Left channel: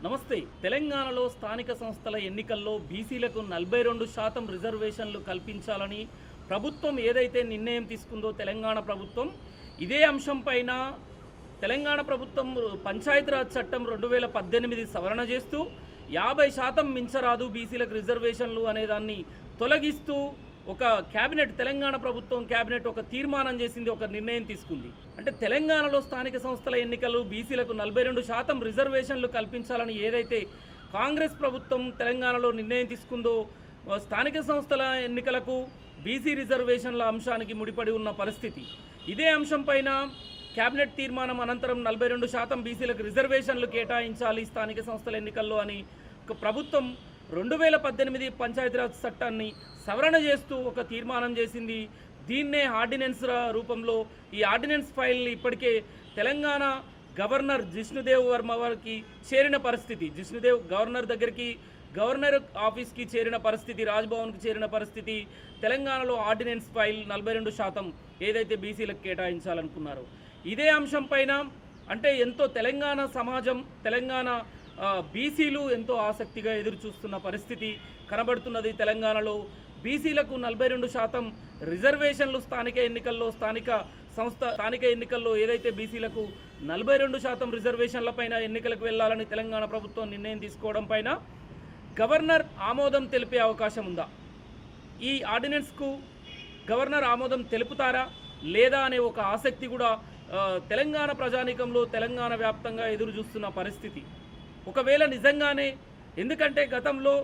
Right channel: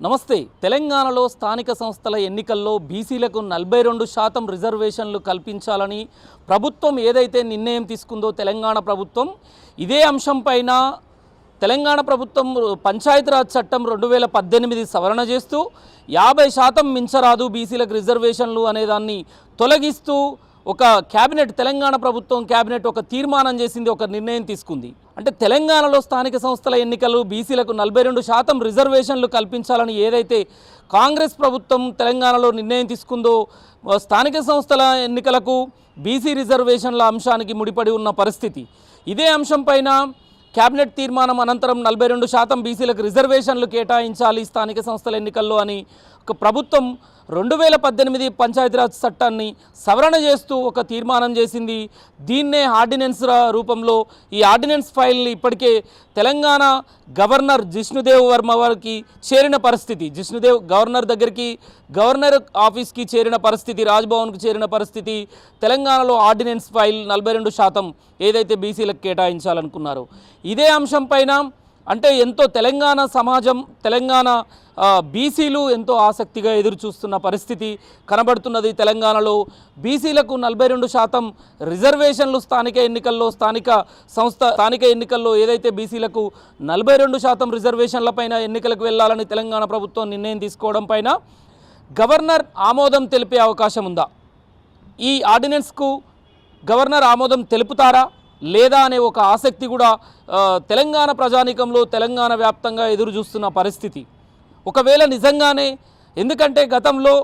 నమస్తే. తెలంగాణలో స్థానిక సంస్థల ఎన్నికల్లో బీసీలకు నలభై రెండు శాతం రిజర్వేషన్లు కల్పించాలని ప్రభుత్వం ఏదైతే నిర్ణయం తీసుకుందో తెలంగాణ ప్రభుత్వం ఇదే అంశం పైన తెలంగాణ ప్రభుత్వం పంచాయతీరాజ్ చట్టం రెండు వేల పద్దెనిమిది సవరణ చేస్తూ యాభై శాతం మించరాదు బీసీలకు రిజర్వేషన్లు అనేదాన్ని తొలగిస్తూ ఒక క్యాబినెట్ తెలంగాణ ప్రభుత్వం క్యాబినెట్ ఒక తీర్మానం చేసింది ఒక నిర్ణయం తీసుకుంది. అంటే తెలంగాణలో స్థానిక సంస్థల ఎన్నికలు బీసీలకు నలభై రెండు శాతం రిజర్వేషన్లు కల్పించాలని ఏదైతే కాంగ్రెస్ ప్రభుత్వం తెలంగాణలో నిర్ణయం తీసుకుందో స్థానిక సంస్థల ఎన్నికలకు బీసీ రిజర్వేషన్ల అంశానికి ముడిపడి ఉన్న పరిస్థితి. ఇదే అంశం పైన కేబినెట్ తీర్మానం అనంతరం నలభై రెండు శాతం బీసీలకు రిజర్వేషన్లు కేటాయించాలి స్థానిక సంస్థల ఎన్నికల్లో అని ఒక ప్రభుత్వం రెండు వేల పద్దెనిమిది పంచాయతీరాజ్ చట్టాన్ని సవరణ చేస్తూ ఒక తీర్మానం చేసింది. దీన్నే ఆర్డినెన్స్ రూపంలో ఈ ఆర్డినెన్స్ ఫైల్ని ఇప్పటికే తెలంగాణ గవర్నర్ జిష్ణుదేవ్ వర్మ వారికి చేరిన పరిస్థితి. జిష్ణుదేవ్ గవర్నర్ దగ్గరికి గవర్నర్ ఆఫీస్కి చేరిన పరిస్థితి రాజ్భవన్కు చేరిన పరిస్థితి తెలంగాణలో ఆర్డినెన్స్ ఫైల్ నలభై రెండు శాతం ఏదైతే బీసీలకు కేటాయించాలనుకున్నారో. ఇదే అంశం పైన అంటే ఎంతో తెలంగాణ సమాజం తెలంగాణ బీసీలు ఎంతో ఆసక్తిగా ఎదురుచూస్తున్న పరిస్థితి కనబడుతున్నది తెలంగాణలో. బీసీలకు నలభై రెండు శాతం రిజర్వేషన్లు స్థానిక ఎన్నికల్లో స్థానిక సంస్థ స్థానిక ఎన్నికల్లో ఏదైతే బీసీలకు నలభై రెండు శాతం రిజర్వేషన్లపైన ఎన్నికలకు వెళ్ళాలని తెలంగాణ ప్రభుత్వం నిర్ణయం తీసుకోవడం పైన గవర్నర్ ఆమోదం తెలిపే అవకాశం ఉందా? ఈ ఆర్డినెన్స్కు గవర్నర్ ఆమోదం తెలుపుతారా? లేదా అనే ఒక ఆసక్తి కూడా తెలంగాణ ప్రజానీకంలో తెలంగాణ వ్యాప్తంగా ఎదురు చూస్తున్న పరిస్థితి. ఒకవేళ నిజంగానే ఎందుకంటే గతంలో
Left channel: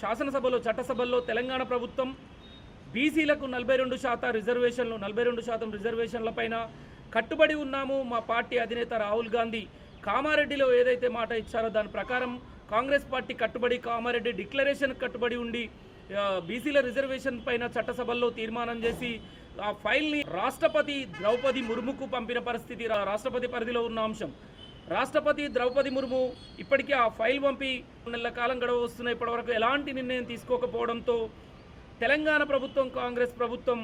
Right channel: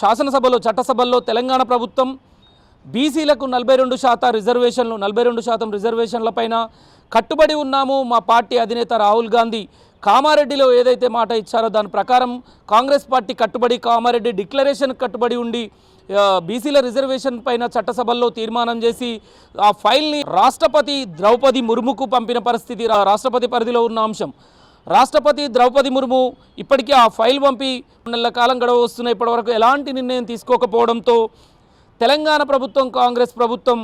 శాసనసభలో చట్టసభల్లో తెలంగాణ ప్రభుత్వం బీసీలకు నలభై రెండు శాతం రిజర్వేషన్లు నలభై రెండు శాతం రిజర్వేషన్లపైన కట్టుబడి ఉన్నాము. మా పార్టీ అధినేత రాహుల్ గాంధీ కామారెడ్డిలో ఏదైతే మాట ఇచ్చారో దాని ప్రకారం కాంగ్రెస్ పార్టీ కట్టుబడి కామారెడ్డి డిక్లరేషన్ కట్టుబడి ఉండి బీసీల రిజర్వేషన్ పైన చట్టసభల్లో తీర్మానం చేసి ఆ ఫైల్ని రాష్ట్రపతి ద్రౌపది ముర్ముకు పంపిన పరిస్థితి రాష్ట్రపతి పరిధిలో ఉన్న అంశం. రాష్ట్రపతి ద్రౌపది ముర్ము ఇప్పటికీ ఆ ఫైల్ పంపి నెలల కాలం గడవ వస్తున్న ఇప్పటివరకు ఎలాంటి నిర్ణయం తీసుకోకపోవడంతో తెలంగాణ ప్రభుత్వం కాంగ్రెస్ ప్రభుత్వం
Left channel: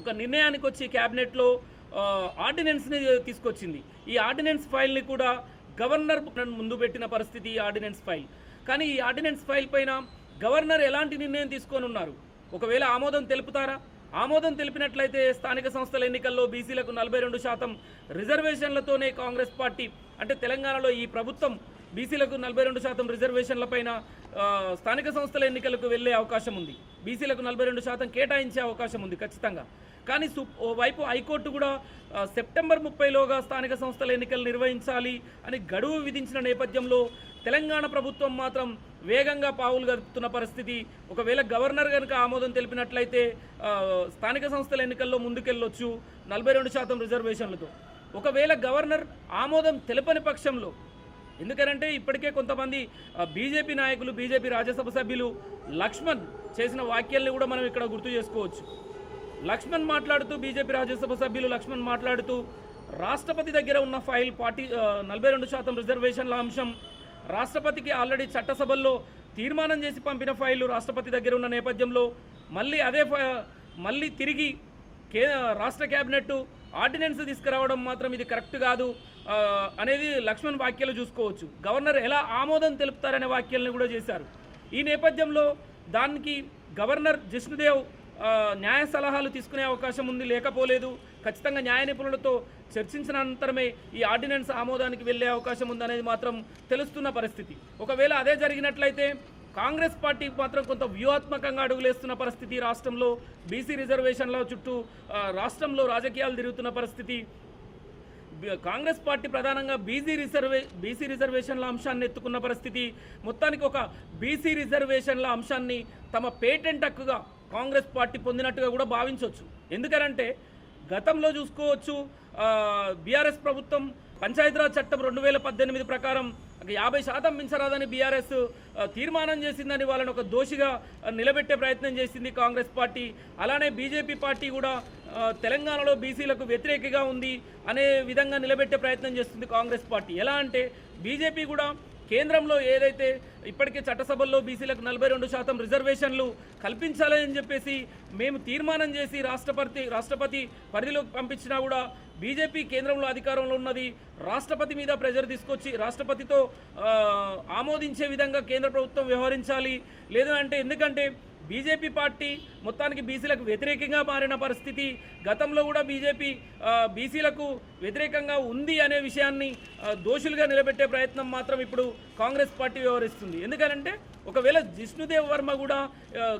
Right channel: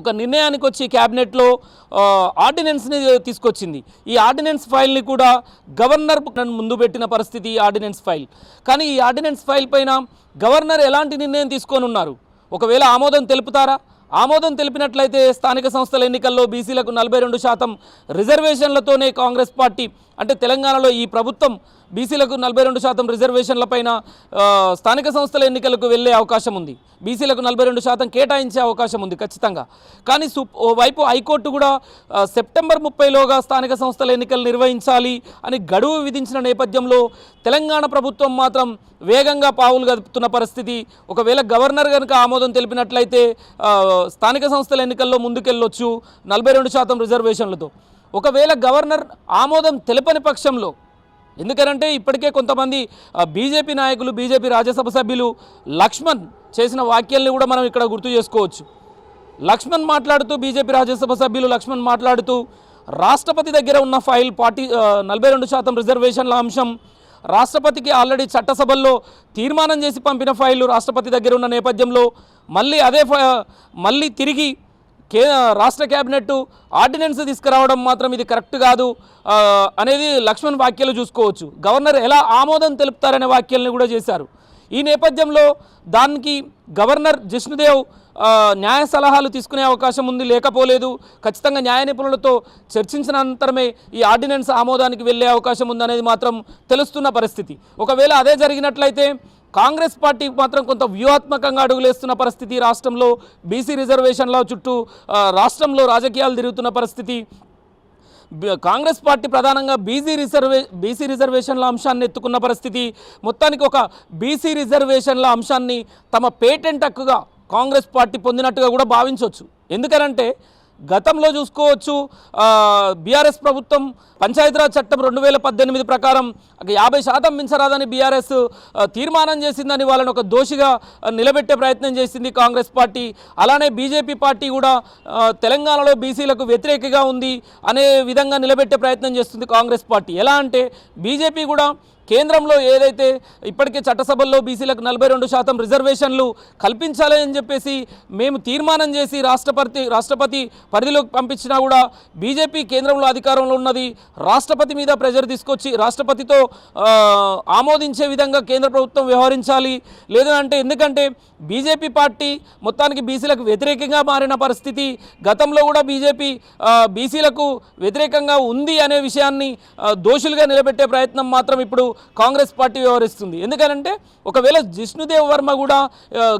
ఒక నిర్ణయానికి వచ్చి క్యాబినెట్లో ఆర్డినెన్స్ని తీసుకొచ్చింది. ఈ ఆర్డినెన్స్ ఫైల్ని కూడా గవర్నర్ ముందు పెట్టిన పరిస్థితి ఈ ఆర్డినెన్స్ ఫైల్. కానీ ఈ ఆర్డినెన్స్ ఫైల్ పైన గవర్నర్ ఎలాంటి నిర్ణయం తీసుకొని ఉన్నారు ఒకవేళ ఆమోదం తెలుపుతారా? ఆమోదం తెలిపినట్లయితే స్థానిక సంస్థల ఎన్నికల్లో బీసీలకు నలభై రెండు శాతం రిజర్వేషన్లతోనే కాంగ్రెస్ పార్టీ అంటే తెలంగాణలో ఈ ప్రభుత్వం బీసీలకు నలభై రెండు శాతం రిజర్వేషన్లపైన స్థానిక సంస్థల ఎన్నికలకు వెళ్ళే అవకాశం ఉంది. బీసీలకు నలభై రెండు శాతం కేటాయించే అవకాశం ఉంది ఖచ్చితంగా. కానీ సు ఓవైపు హైకోర్టు కూడా సెప్టెంబర్ ముప్పైలోగా స్థానిక సంస్థల ఎన్నికలు నిర్వహించాలి అని గడువు విధించిన నేపథ్యంలో తెలంగాణ ప్రభుత్వం మాత్రం వేగంగా పావులు గదుపుతున్న పరిస్థితి. ఒకవేళ గవర్నర్ కనుక ఆమోదం తెలిపినట్లయితే స్థానిక సంస్థల ఎన్నికల్లో ముందుకెళ్ళొచ్చు నలభై రెండు శాతం రిజర్వేషన్లతో. ఒకవేళ గవర్నర్ ఆమోదం తెలపని పక్షంలో ఎందుకనంటే ఇప్పటికే కొంతమంది బీజేపీ నాయకులు బీజేపీ రాజ్యసభ సభ్యులు లక్ష్మణ్ చేసిన వాక్యాల్ని కూడా మనం ఇక్కడ గుర్తు చేసుకోవచ్చు. లక్ష్మణ్ మాట్లాడుతూ బీజేపీ రాజ్యసభ సభ్యులు లక్ష్మణ్ మాట్లాడుతూ రాష్ట్రపతి దగ్గర ఉన్న ఫైల్ పార్టీ నలభై రెండు శాతం రిజర్వేషన్ల అంశం రాష్ట్రపతికి ఆల్రెడీ చట్టసభల్లో తీర్మానం చేసి పంపిన ఫైలు రాష్ట్రపతి దగ్గర ఉన్న నేపథ్యంలో మళ్ళీ అదే మళ్ళీ తిరిగి కే రాష్ట్ర క్యాబినెట్ ఆర్డినెన్స్ తీసుకురావడం మాత్రం ఇది కరెక్ట్ కాదు. అనేది లక్ష్మణ్ వ్యాఖ్యలు చూసుకోవచ్చు. గవర్నర్ ఎలా ఆమోదం తెలుపుతారనే వ్యాఖ్యలను కూడా చేశారు. ఈ నేపథ్యంలో దానికి గవర్నర్ జిష్ణుదేవ్ న్యాయ సలహాలు తీసుకునే అవకాశం ఉంది లేకపోలేదు. ఖచ్చితంగా న్యాయ నిపుణులతో చర్చించిన అనంతరమే ఈ ఆర్డినెన్స్ ఆమోదానికి వెళ్ళే అవకాశం ఉందనేది మాత్రం తెలుస్తున్న పరిస్థితి. ఒకవేళ అదే జరిగినట్లయితే కాంగ్రెస్ పార్టీ మాత్రం కొంత వ్యూహాత్మకంగా అడుగులేస్తున్న పరిస్థితి రాష్ట్రంలో బీసీ రిజర్వేషన్ల చుట్టూ రాష్ట్రంలో రాజకీయాలు తిరుగుతున్న పరిస్థితి. కాంగ్రెస్ పార్టీ ప్రధానంగా బీసీ రిజర్వే బీసీ రిజర్వేషన్ల అంశాన్ని ఎత్తుకున్న పరిస్థితి. మొత్తానికి ఒక బీసీ రిజర్వేషన్ల అంశాన్ని తమ పేటెంట్ హక్కుగా కాంగ్రెస్ పార్టీ పొందినట్టుగా కూడా భావించవచ్చు. ఎందుకనంటే గతంలో చూసుకోవచ్చు బీఆర్ఎస్ ప్రభుత్వం పంచాయతీరాజ్ చట్టం రెండు వేల పద్దెనిమిది ప్రకారం ఒక యాభై శాతం మించరాదని బీఆర్ఎస్ తీర్మానం చేసిందని వాళ్ళని ఒక దోషిగా నిలబెట్టే ప్రయత్నం చేసింది కాంగ్రెస్ పార్టీ. అలానే బీజేపీ పార్టీ కూడా తెలంగాణలో బీసీలకు వ్యతిరేకగా ఉంది అనే విధంగా నిలబెట్టే ప్రయత్నం చేస్తుంది కాంగ్రెస్ పార్టీ. ఎలా అంటే బీజేపీ కూడా కేంద్రంలో ఏదైతే ఇప్పటికే చట్టసభల్లో బీసీలకు నలభై రెండు శాతం రిజర్వేషన్లు కల్పించాలని చెప్పేసి మేము తీర్మానం చేసి రాష్ట్రపతి రాష్ట్రపతి పరిధిలోకి పంపించినా కూడా బీజేపీ కేంద్రంలో అధికారంలో ఉన్నది. రాష్ట్రపతి మీద ప్రెజర్ తీసుకొచ్చి రాష్ట్రపతితో ఆమోదించే విధంగా కేంద్ర ప్రభుత్వం వ్యవహరించాలి. లేదంటే ఎందుకంటే బీజేపీ పార్టీ మొత్తానికి బీసీలకు వ్యతిరేకంగా మారిన పరిస్థితి గతంలో కూడా బీజేపీ బీసీలకు వ్యతిరేకంగా ఉంది అనే విషయాన్ని దోషులుగా నిలబెట్టే ప్రయత్నం మాత్రం ఇప్పుడు కాంగ్రెస్ పార్టీ వ్యవహరిస్తుంది. ఎందుకనంటే ఒకవేళ జిష్ణుదేవ్ వర్మ కూడా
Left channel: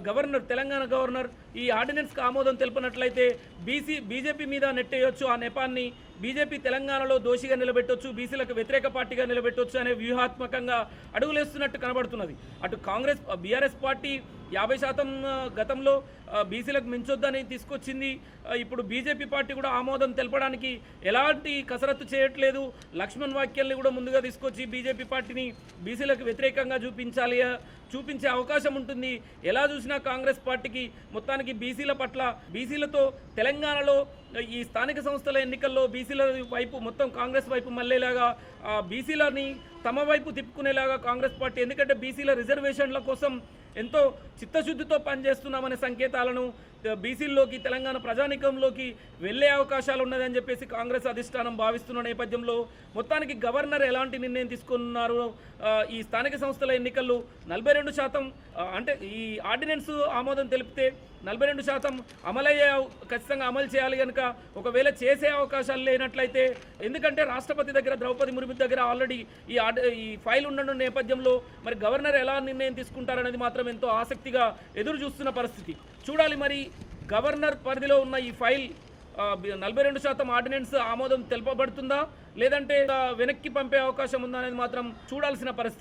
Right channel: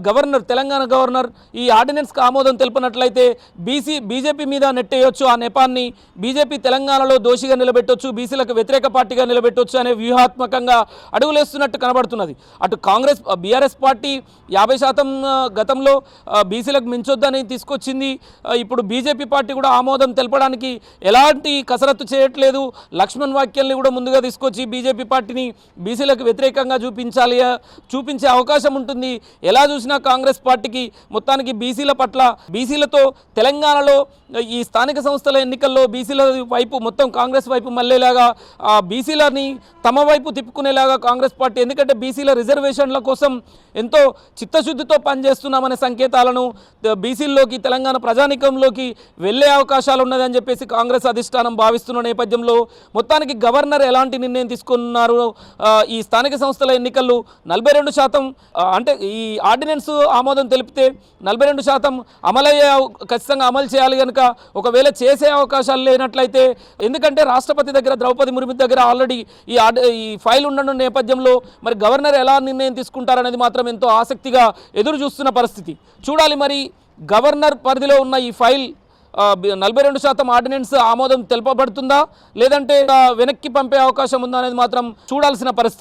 గవర్నర్ తెలంగాణ గవర్నర్ ఈ ఆర్డినెన్స్కి ఆమోదం తెలిపినట్లయితే బీసీ బీజేపీ మీద నెట్టేయొచ్చు ఆ నెపాన్ని బీజేపీ తెలంగాణలో దోషిగా నిలబెట్టొచ్చు బీసీలకు వ్యతిరేక పార్టీగా నిలబెట్టొచ్చు అనే వ్యూహాత్మకంగా అడుగులేస్తున్నట్టు కనబడుతున్నది. అటు కాంగ్రెస్ బీఆర్ఎస్ పార్టీ యాభై శాతం గతంలో బీసీలకు మించొద్దని తీసుకొచ్చింది. ఇప్పుడు బీజేపీ పార్టీ కూడా ఆమోదం తెలపడానికి ఎలాంటి కసరత్తు చేయట్లేదు. లక్ష్మణ్ వాక్యాల్ని కూడా ముందుగా తీసుకొచ్చి బీజేపీ పార్టీని బీసీలకు వ్యతిరేకంగా చూపించాలి చూపించే అవకాశం ఉంటుంది. ఎలా చూసినా కాంగ్రెస్ పార్టీకి మొత్తానికి బీసీల పట్ల బీసీలతో తెలంగాణలో ఈ స్థానిక సంస్థల ఎన్నికల్లో బీసీల వైపు మొత్తం కాంగ్రెస్ వైపు మళ్ళేలాగా బీసీలని తమ వైపు తిప్పుకునేలాగా కాంగ్రెస్ పార్టీ ఎందుకంటే బీసీల రిజర్వేషన్ల కోసం ఎంతో చిత్తశుద్ధి చిత్తశుద్ధితో పనిచేస్తున్నామనే సంకేతాలను బీసీల్లోకి తెలంగాణ ప్రజానికంలోకి వెళ్ళే అవకాశాలు ఉన్నదని చెప్పేసి కాంగ్రెస్ అధిష్టానం భావిస్తున్న నేపథ్యంలో మొత్తానికి గవర్నర్ ఎలాంటి నిర్ణయం తీసుకున్నారు? ఈ స్థానిక సంస్థల ఎన్నికలు నలభై రెండు శాతం అంటే ఈ ఆర్డినెన్స్ ఆమోదం తెలిపితే నలభై రెండు శాతం అమలయ్యే ఖచ్చితంగా అమలు చేయాలి కనుక ఒకవేళ చేసే అవకాశాలు లేనట్లయితే ఎందుకంటే రాష్ట్రపతి దగ్గర ద్రౌపది ముర్ము దగ్గర ఆల్రెడీ ఈ ఈ ఫైల్ ఉండడం నేపథ్యంలో మరి గవర్నర్ ఎలా నిర్ణయం తీసుకుంటారనేది మాత్రం ఎంతో ఆసక్తిగా ఎదురు చూస్తున్న పరిస్థితి. చూడాలి మరి గవర్నర్ పరిధిలో ఉన్న ఈ ఫైల్ నలభై రెండు శాతం ఆర్డినెన్స్ ఆమోదం తెలపబడుతుందా? లేదంటే వెనక్కి పంపే అవకాశం ఉందా అనేది మాత్రం చూడాల్సిన పరిస్థితి.